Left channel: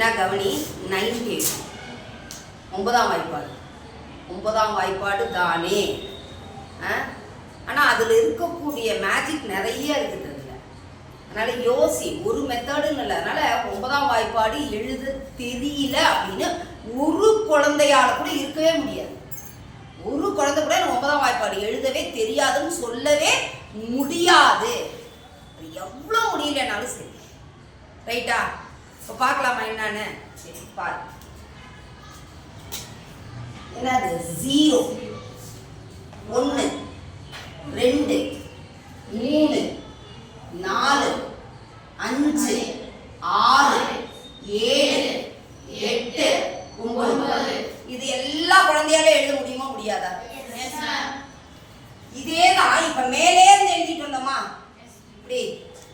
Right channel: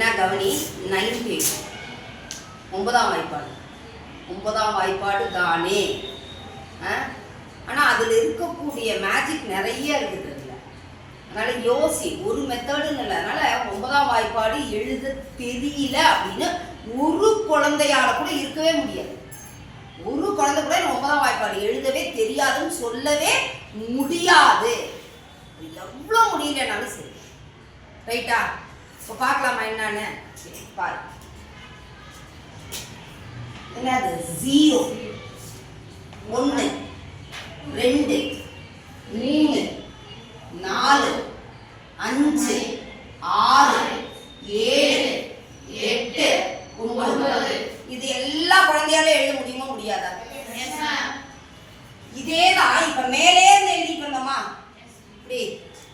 என்ன கவனி 9 9ஆம் வாய்ப்பாடு 9ஆம் வாய்ப்பாடு தானே. ஆனால் அதில் இருக்கக்கூடிய மேஜிக் நிறைய இருக்குது அதில். அதனால் யோசி, ஒரு மெத்தடுன்னு இல்லை. அதனால் 9ஆம் வாய்ப்பாடு எழுத தெரியல அப்படின்னு ஒரு குழந்தையால் கூட இருக்கவே முடியாது. ஒரு குழந்தை கூட 9ஆம் வாய்ப்பாடு எழுதவே தெரியாதுன்னு சொல்லவே முடியாது. எவ்வளோ முடியலனாலும் சரி. ரைட்டா? இப்போ பார்க்கலாமா என்னன்னு? சரி பாரு. என்னது? 0 1 2 3 4 5 6 7 8 9. இது எல்லா குழந்தையால எழுத முடியுமா முடியாதா? இதேதான் இப்ப மேலே இருந்து எழுதிட்டு வந்தோமா, இப்படி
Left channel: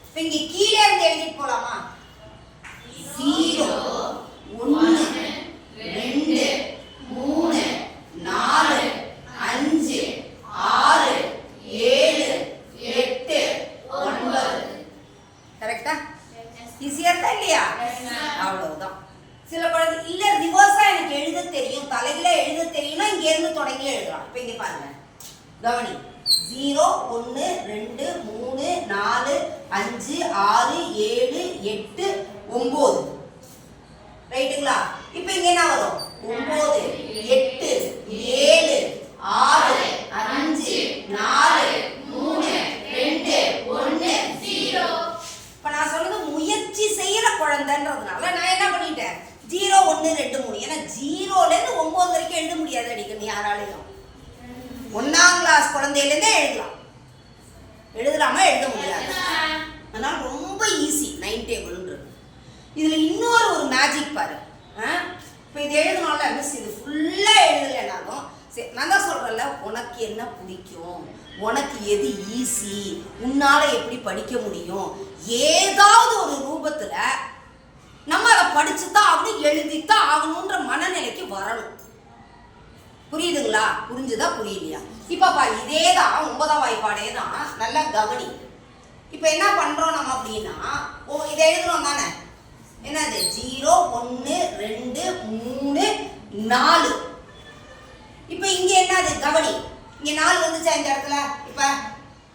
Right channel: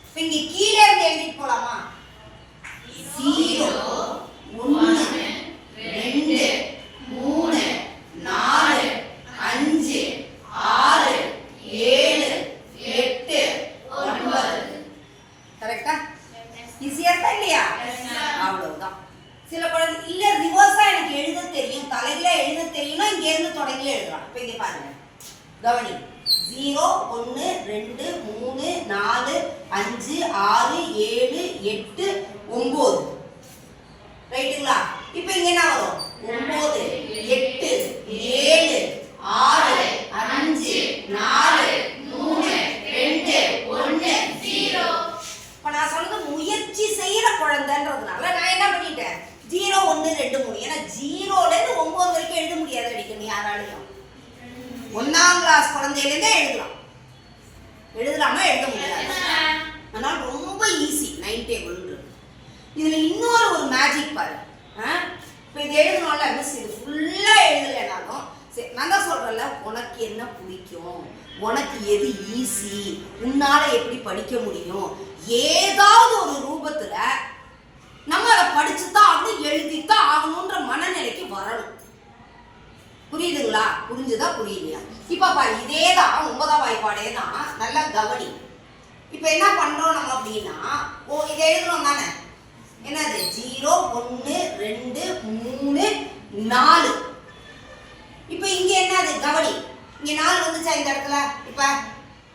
இப்ப இங்க கீழே இருந்து எழுதிட்டு போலாமா? 0 1 2 3 4 5 6 7 8 9. கரெக்டா? ஈஸியா இருக்கா இல்லையா? அவ்வளவுதான். சில குழந்தை இல்ல ரிவர்ஸா எனக்கு எழுத தெரியும், தலையில எழுத தெரியும்னா இங்க இருந்து தொடங்கி எழுதலாம். இப்ப இங்க பாருங்க, கவனி. 0 1 2 3 4 5 6 7 8 9. ரைட்டுங்களா? இப்ப இங்க என்ன வரும்? 9 8 7 6 5 4 3 2 1 0. இப்ப நான் சொன்னது முயற்சி செய்யற குழந்தைன்றதுனால நான் என்ன பண்ணிட்டேன்? 0 1 2 3. ஏன்னா 0ல இருந்து 9 வரைக்கும் எழுத முடியாது அடிக்கணும் யாராலையும். 1ஆம் கிளாஸ் குழந்தையிலேருந்தே எழுதலாமா? எழுத முடியாது. அதனால ரொம்ப ஈஸி 9 டேபிள்ன்றது. இதுல இன்னொரு ஒரு மேஜிக் பாரு. இப்போ இது எழுதணும்ல மிஸ், இது ஃபுல்லா எழுதலைனாலும் சரி, நான் தான் சொல்றேன்ல, உனக்கு என்ன பிடிக்கும், உனக்கு எது ஈஸி, உன்னால எப்படி படிக்க முடியும், ஏதாவது ஒரு ரூபத்துல நம்ம அதை படிச்சுதான் ஆகணும், எழுதித்தான் ஆகணும்ன்ற மனநிலைக்கு வரணும். புரியுதுங்களா? புரிஞ்சுதா புரியலையா? இப்ப பாரு, இதேதான் 9ஆம் வாய்ப்பாடே தான். நல்லா கவனி. இப்ப என்ன பண்றோம் நம்ம அப்படின்னா, இதை எழுதுறோம் தானே. என்னது? 0 1 2 3 4. இப்ப இங்க என்னது? கவனி. இங்க 4 வந்துச்சா இந்த இடத்துல? இப்ப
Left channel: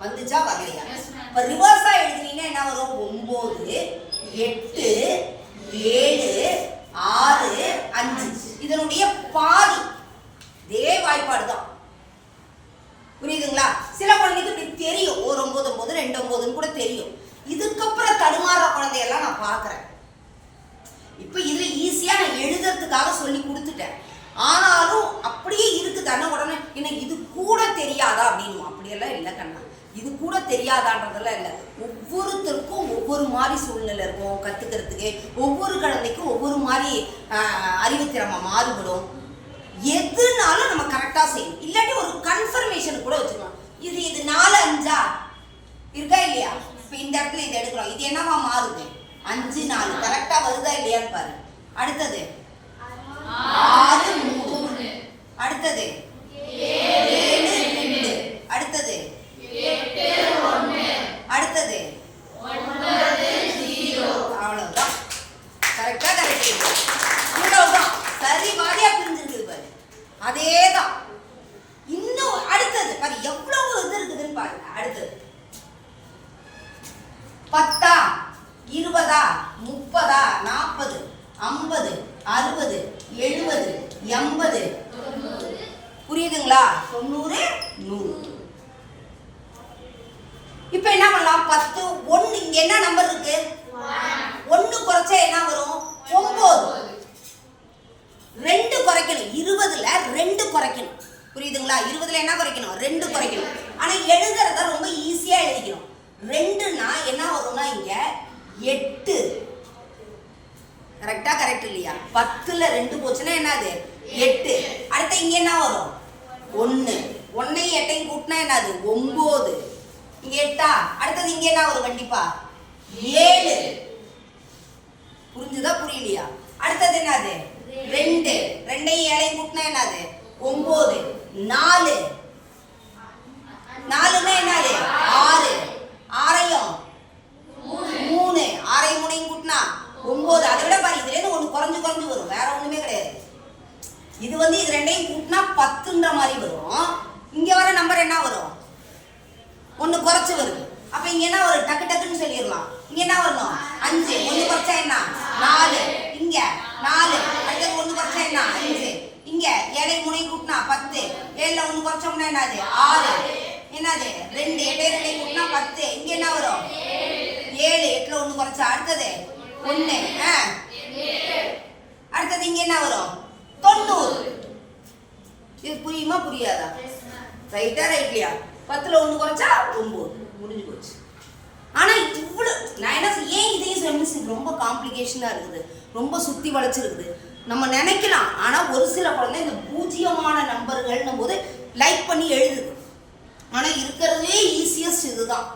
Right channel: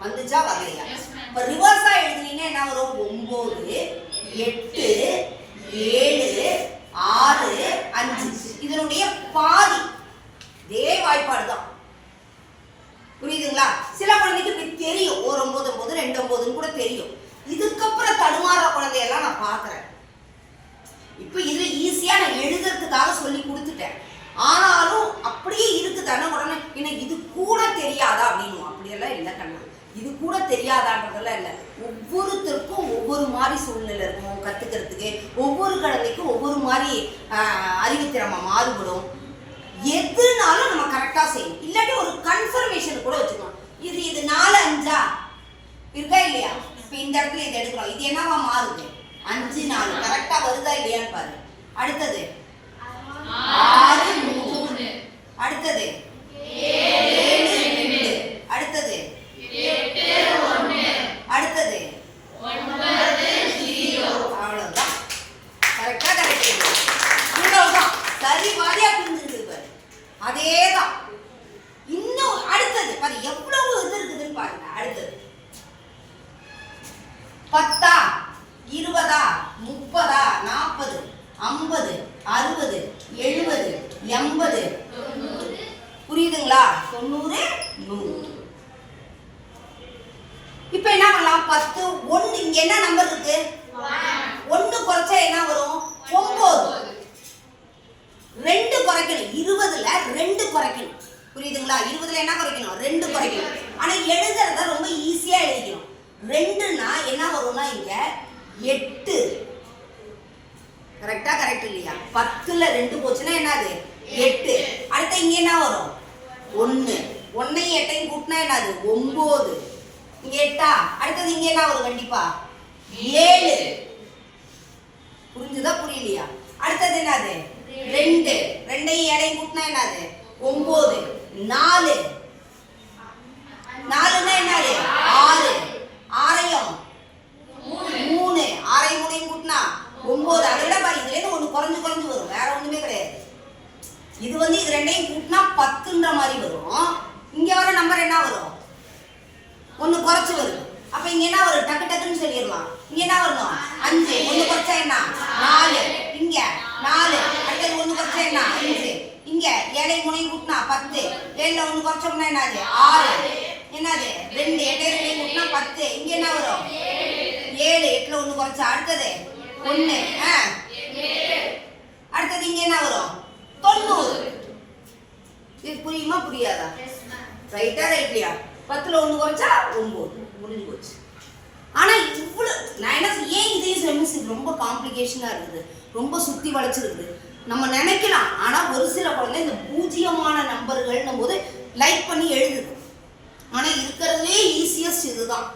வந்துச்சா வரலையா? இப்ப ரிவர்ஸா எழுதுனீங்கன்னா என்ன வரும்? 9 8 7 6 5. இதனுடைய பாதி இதே வாய்ப்பாடு தான். புரியுதுங்களா? சில குழந்தைக்கு இப்படி தெரியும், 1 9 9 2 9 கூட தெரியும். இதுக்கப்புறம் தடுமாற குழந்தையெல்லாம் நான் பார்க்குறேன். இப்போ இதுல ஈஸியா நான் எழுதுறதுக்காக சொல்லி கொடுத்துட்டேன். ஆனாலும் அப்படியே இருக்குது. ஆனால் உடனே என்ன இது கூட தெரியாதா அப்படின்னு. அப்படியெல்லாம் இல்லை கண்ணா, இது கூட தெரியாதான்றதெல்லாம் இல்லை. ஒவ்வொருத்தருக்கும் ஒவ்வொரு மாதிரி சூழ்நிலை இருக்கும் கற்றுக்கிறதுக்கு. ஒவ்வொரு குழந்தைக்கும் ஒவ்வொரு மாதிரி அறிவுத்திறமை மாறுபடும். எதுனாலும் நம்ம கரெக்டாக செய்யணும். இல்லாட்டி ஒரு கன்ஃபர்மேஷன் கூட வச்சுக்கலாம். இது 4 5 இருக்கா இல்லையா? இப்போ இந்த இடத்துல இது எடுக்கிறோம், இது என்னவா மாறுது? 5 4 கரெக்டா வருதா இல்லையான்னு பாரு. அடுத்தது 6 3. அடுத்தது 7 2. அடுத்தது 8 1. அடுத்தது 9 0. அவ்வளவுதான். கரெக்டா கரெக்ட். இவ்வளவுதான். சரி வாரியா புரிஞ்சிருக்கு பாரு. அதேதான். இன்னும் அடுத்தது பாரு, எவ்வளவு இது இருக்குதுன்னு பாருங்க. அடுத்தது 10 20 30 40 50 60 70 80. புரியுதுங்களா? 90 100. இப்ப என்ன பண்ணலாம்? 10 1. இங்க என்ன நம்பர் இருக்கு? 1 குறைச்சா என்ன வரும்? 9. 2 குறைக்கணும். 20ல 2 குறைக்கணும். புரியுதுங்களா? 20ல என்ன குறைக்கணும்? 2 குறைக்கணும். ஆனா எழுதுறத ரொம்ப ஈஸியா எழுதிக்கணும். 2னா என்ன வரும்னா இங்க 8. கரெக்டா கரெக்ட் இல்லையா? 10ல 2 போச்சுன்னா என்னது? 8. அடுத்து இங்க என்ன வரும்? 1. 1ஐயும் 8ஐயும் கூட்டினா என்னது? 9. இங்க 8. அடுத்தது இங்க என்ன வரும்? கண்டிப்பா 7. புரிஞ்சுதா புரியலையா? அடுத்தது என்னது? 2. 2ஐயும் 7ஐயும் கூட்டினா என்னது? 9. 4. 4னா என்னது? 6. 6ஐயும் 3. 6ஐயும் 3ஐயும் கூட்டினா 9. அதை விட பாரு, இதுல இருந்து 1 குறைஞ்சு இது வந்து இது ரெண்டையும் கூட்டினா 10ன்ற மாதிரி வரும். இங்க வர நம்பர் என்ன வரும்? ஒன்று குறைச்சு வருது. அப்ப இங்க என்ன வரும்? டக்கு டக்குன்னு சொல்லிடலாம். இங்க என்ன வரணும்? 5. ஒன்று குறைச்சா என்ன? 4. இங்க 4. அடுத்தது ஒன்று குறைச்சா என்ன? 5. இங்க 7 3 கூட்டினா 10. 7ல ஒன்று குறைச்சோம்னா என்னது? 6. என்னது? 2. 8 2 கூட்டினா 10. இங்க என்ன வரும்? 7. 8ல ஒன்று குறைச்சா அடுத்தது 1. அடுத்தது இங்க என்ன வரும்? 90. இது புரியுமா புரியாதா? ரைட்டா ரைட்லையா? 10ல ஒன்று குறைச்சா 9. முடிஞ்சு போச்சு. ஆனா இவ்வளவு நான் என்ன ஏன் இதையும் செமிஸ் ரொம்ப காம்ப்ளிகேஷனா இருக்குது, ரொம்ப சுத்தி வளைச்சிருக்குது நம்ம நினைக்கலாம். ஆனா ஒரு சில குழந்தை இந்த பூஜ்ஜியமான நம்பர்கள்னும் போது லைக் பண்ணி எழுதுது. ஆனா இருக்கிறதுலே ஈஸியஸ்ட் இதுதான்.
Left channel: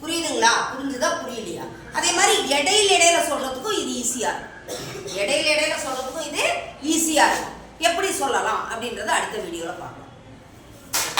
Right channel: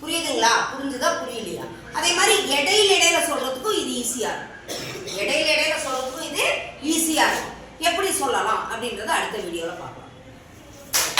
புரியுதுங்களா? புரிஞ்சுதா புரியலையா? அதே மாதிரி இடையில சொல்றதுக்கும் இது ஈஸியா இருக்கும். இடையில சொல்றதுக்கும் இது ஈஸியா இருக்கும். எப்படி சொல்லலாம் அப்படின்றத அடுத்த வீடியோல பார்க்கலாம்.